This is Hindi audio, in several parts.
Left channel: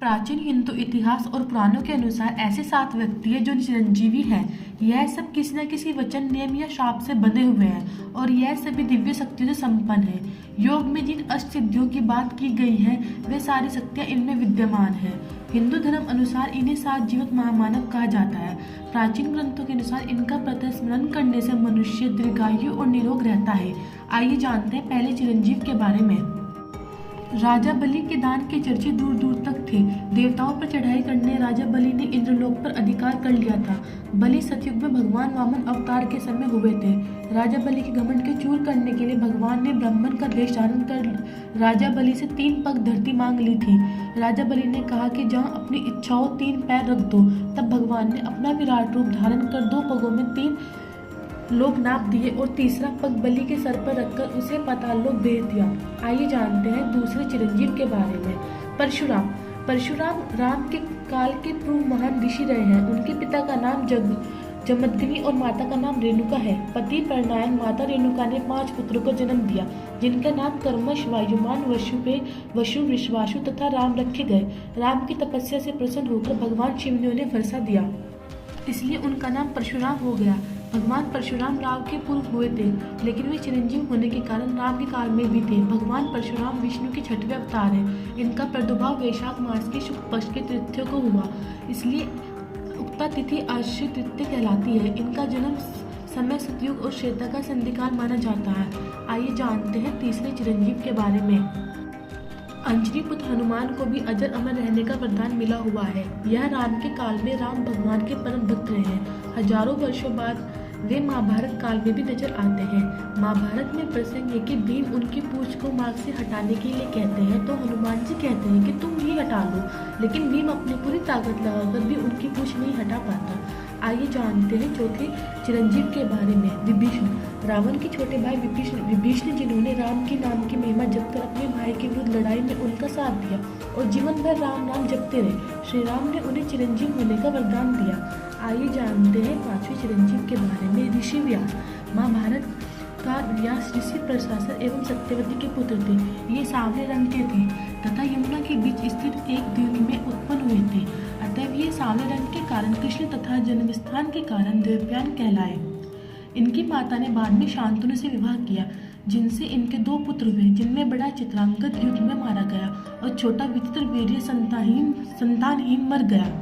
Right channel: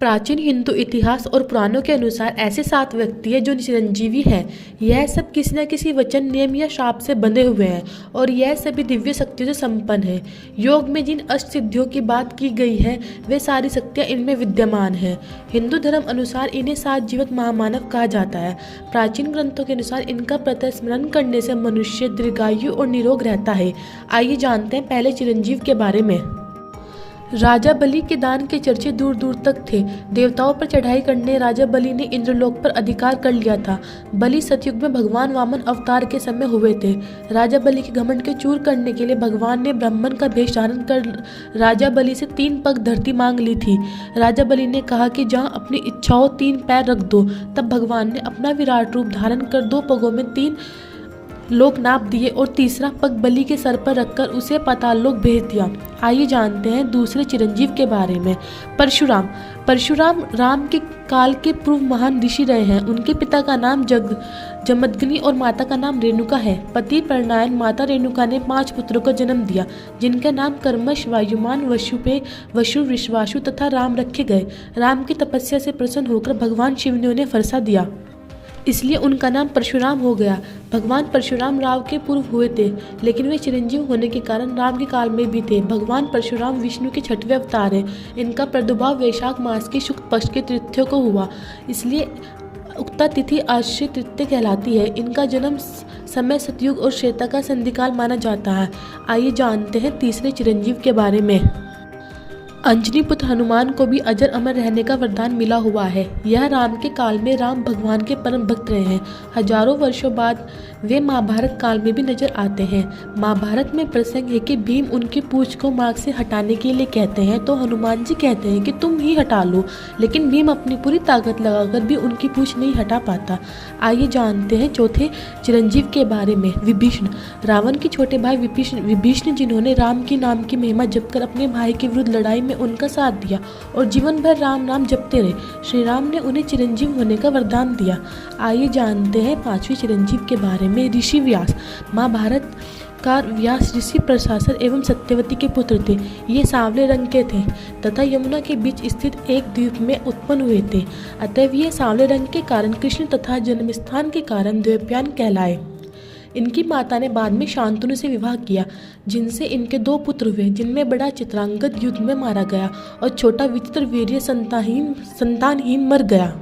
प्राचीन हिंदू इतिहास और पुराणों के अनुसार ऐसे 7 व्यक्ति हैं जो चिरंजीवी हैं। यह सब किसी न किसी वचन, नियम या शाप से बंधे हुए हैं और यह सभी दिव्य शक्तियों से संपन्न है। योग में जिन अष्ट सिद्धियों की बात की गई है वे सारी शक्तियाँ इनमें विद्यमान हैं। हिंदू धर्म अनुसार इन्हें 7 जीवक महामानव कहा जाता है। प्राचीन ग्रंथों के अनुसार इनका प्रातः स्मरण करने से मनुष्य दीर्घायु और निरोग रहता है। आइए जानते हैं पहले चिरंजीव के बारे में। राजा बलि के दान के चर्चे दूर दूर तक थे। देवताओं पर चढ़ाई करने राजा बलि ने इंद्रलोक पर अधिकार कर लिया था। बलि सतयुग में भगवान वामन अवतार के समय हुए थे। राजा बलि के घमंड के चूर करने के लिए भगवान ने ब्राह्मण का वेश धारण कर राजा बलि से 3 पग धरती मांग ली थी। राजा बलि ने कहा कि जहाँ अपनी इच्छाओं 3 पैर रख दो। तब भगवान ने अपना विराट रूप धारण कर 2 पगों में 3 लोग नाप दिए और तीसरा पग बलि के सर पर रखकर उसे पाताल लोक भेज दिया। आइए जानते हैं दूसरे चिरंजीव के बारे में। परशुराम राम के काल के पूर्व महान ऋषि रहे हैं। उनके पिता का नाम जमदग्नि और माता का नाम रेणुका है। पति प्रणायन माता रेणुका ने 5 पुत्रों को जन्म दिया, जिनका नाम कर्मश, वायुमान, वशुपे, वशु, विश्वासु तथा राम रखे गए। राम की तपस्या से प्रसन्न होकर भगवान शिव ने उन्हें वर्षा दिया, इसलिए उनका नाम परशुराम हो गया। भगवान परशुराम राम के पूर्व हुए थे, लेकिन वे चिरंजीव होने के कारण राम के काल में भी थे। भगवान परशुराम विष्णु के 6वें अवतार हैं। इनका प्रादुर्भाव वैशाख मास के शुक्ल पक्ष के तृतीया को हुआ, इसलिए उक्ता तिथि आश्रित तृतीया कहलाती है। इनका जन्म समय सतयुग और श्वेता का संधिकाल माना जाता है। आइए जानते हैं तीसरे चिरंजीव के बारे में। अंजनी पुत्र हनुमान को भी अजर अमर रहने का वरदान मिला हुआ है। यह राम के काल में राम भगवान के परम भक्त रहे हैं। हजारों वर्षों बाद वे महाभारत काल में भी नजर आते हैं। महाभारत में प्रसंग है कि भीम उनकी पूंछ को मार्ग से हटाने के लिए कहते हैं तो हनुमान जी कहते हैं कि तुम ही हटा लो, लेकिन भीम अपनी पूरी ताकत लगाकर भी उनकी पूंछ नहीं हटा पाता। आइए जानते हैं चौथे चिरंजीव के बारे में। विभीषण, रावण के छोटे भाई विभीषण जिन्होंने राम की नाम की महिमा जपकर अपने भाई के विरुद्ध लड़ाई में उनका साथ दिया और जीवन भर राम नाम जपते रहे। श्री राम ने उन्हें चिरंजीव होने का वरदान दिया। आइए जानते हैं 5वें चिरंजीव के बारे में। ऋषि व्यास, महाभारत का व्यास ऋषि प्रशासन एवं सत्यवती के पुत्र थे। ये सांवले रंग के थे तथा यमुना के बीच स्थित एक द्वीप में उत्पन्न हुए थे। अतएव ये सांवले रंग के कारण कृष्ण तथा जन्मस्थान के कारण द्वैपायन कहलाए। इनकी माता ने बाद में शांतनु से विवाह किया, जिनसे इनके 2 पुत्र हुए, जिनमें बड़ा चित्रांगद युद्ध में मारा गया और छोटा विचित्रवीर्य संतानहीन मर गया।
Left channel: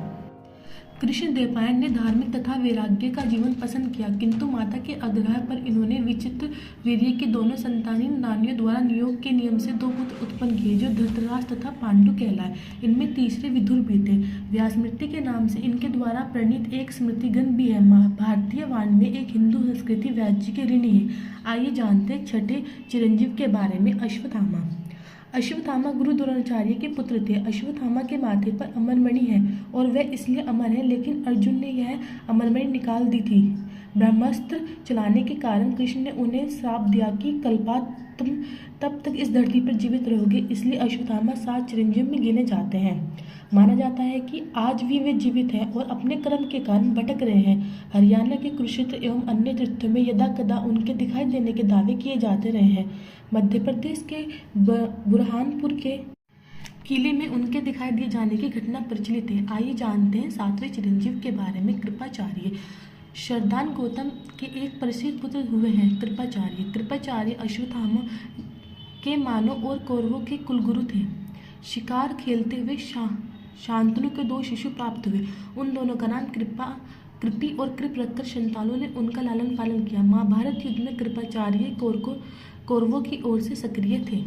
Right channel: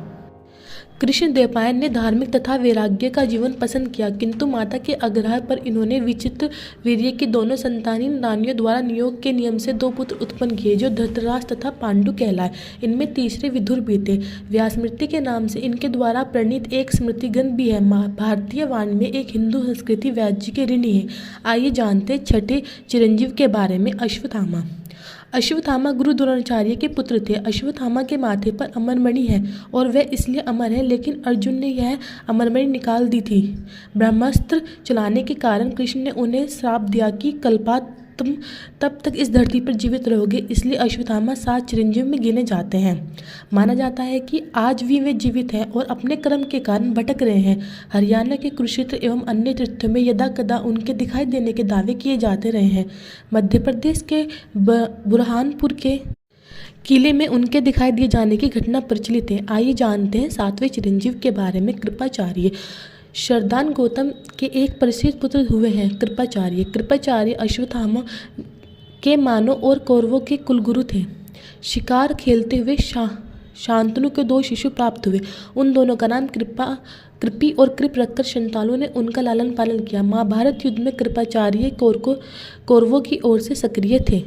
कृष्ण द्वैपायन ने धार्मिक तथा वैराग्य का जीवन पसंद किया, किंतु माता के आग्रह पर इन्होंने विचित्र वीर्य की दोनों संतानहीन रानियों द्वारा नियोग के नियम से 2 पुत्र उत्पन्न किए, जो धृतराष्ट्र तथा पांडु कहलाए। इनमें तीसरे विदुर भी थे। व्यासमृति के नाम से इनके द्वारा प्रणीत एक स्मृति ग्रंथ भी है। भारतीय वाणी में एक हिंदू संस्कृति व्यास जी के ऋणी है। आइए जानते हैं 6ठे चिरंजीव के बारे में। अश्वत्थामा, अश्वत्थामा गुरु द्रोणाचार्य के पुत्र थे। अश्वत्थामा के माथे पर अमरमणि है और वह इसलिए अमर है, लेकिन अर्जुन ने यह अमरमणि निकाल दी थी। ब्रह्मास्त्र चलाने के कारण कृष्ण ने उन्हें श्राप दिया कि कल्पांत तुम तब तक इस धरती पर जीवित रहोगे, इसलिए अश्वत्थामा 7 चिरंजीव में गिने जाते हैं। माना जाता है कि आज भी वे जीवित हैं और अपने कर्म के कारण भटक रहे हैं। हरियाणा के कुरुक्षेत्र एवं अन्य तीर्थों में यदा कदा उनके दिखाई देने के दावे किए जाते रहे हैं। मध्य प्रदेश के बुरहानपुर के किले में उनके दिखाई दिए जाने की घटना प्रचलित है। आइए जानते हैं 7वें चिरंजीव के बारे में। कृपाचार्य, शरदान गौतम के एक प्रसिद्ध पुत्र हुए हैं कृपाचार्य अश्वत्थामा के मानव और कौरवों के कुलगुरु थे। शिकार खेलते हुए शांतनु के 2 शिशु प्राप्त हुए। उन दोनों का नाम कृपी और कृप रखकर संतानों ने उनका लालन पालन किया। महाभारत युद्ध में कृपाचार्य कौरवों की ओर से सक्रिय थे।